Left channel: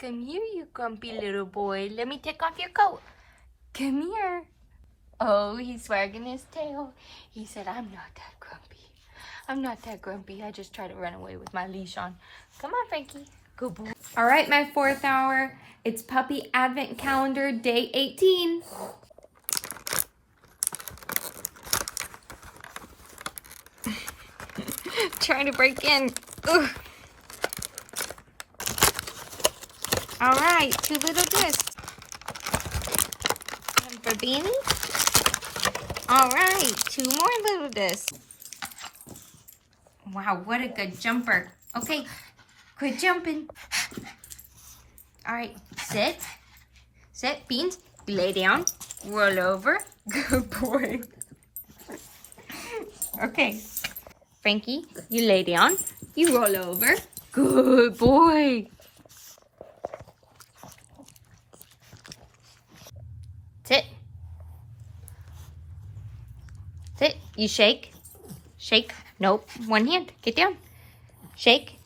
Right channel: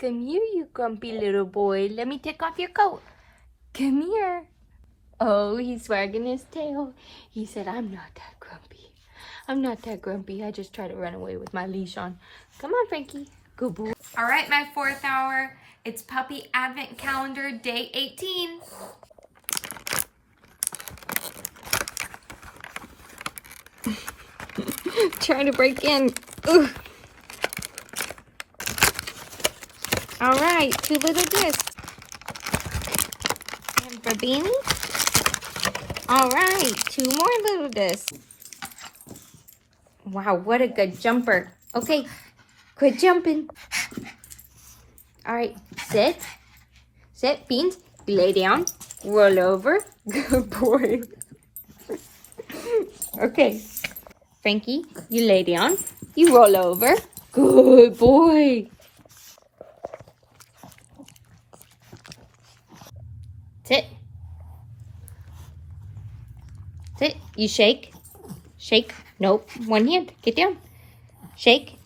Come here, you grumpy little boy. Let me take off your coat. Come here. Oh, he's wagging his tail. He said, I'm not that grumpy. I'm not that grumpy. I just try to run away with my leash on. Come on, Frankie. Good boy. All right, my fourth hour. It's Puppy Advent Calendar Day 18. Trying to break in. Ugh. All right, 2 little discs. And for beans. All right, 2 more little discs. Wow, what a good jumper. Okay, quit jumping. All right, sit. Sit, Beans. Lay down. Roll over. Good boy. Okay. Frankie, you lay down. You roll over. Good boy. Sit. Sit. You shake. Shake. Nope. One hand. Get down. Shake.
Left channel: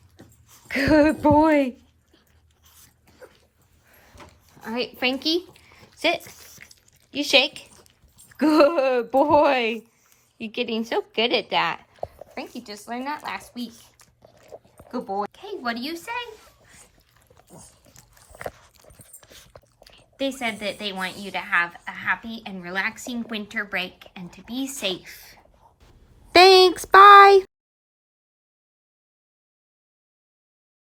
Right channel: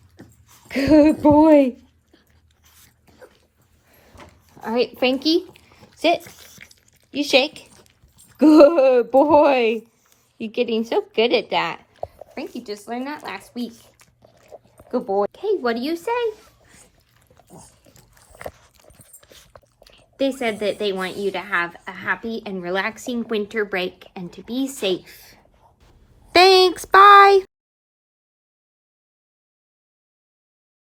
Good boy. All right, Frankie, sit. You shake. Good boy. You're getting so good at that. Frankie just learned that last week. Good boy. Hey, what do you say? They said that they want you to have a happy and relaxing winter break and to be safe. Thanks. Bye.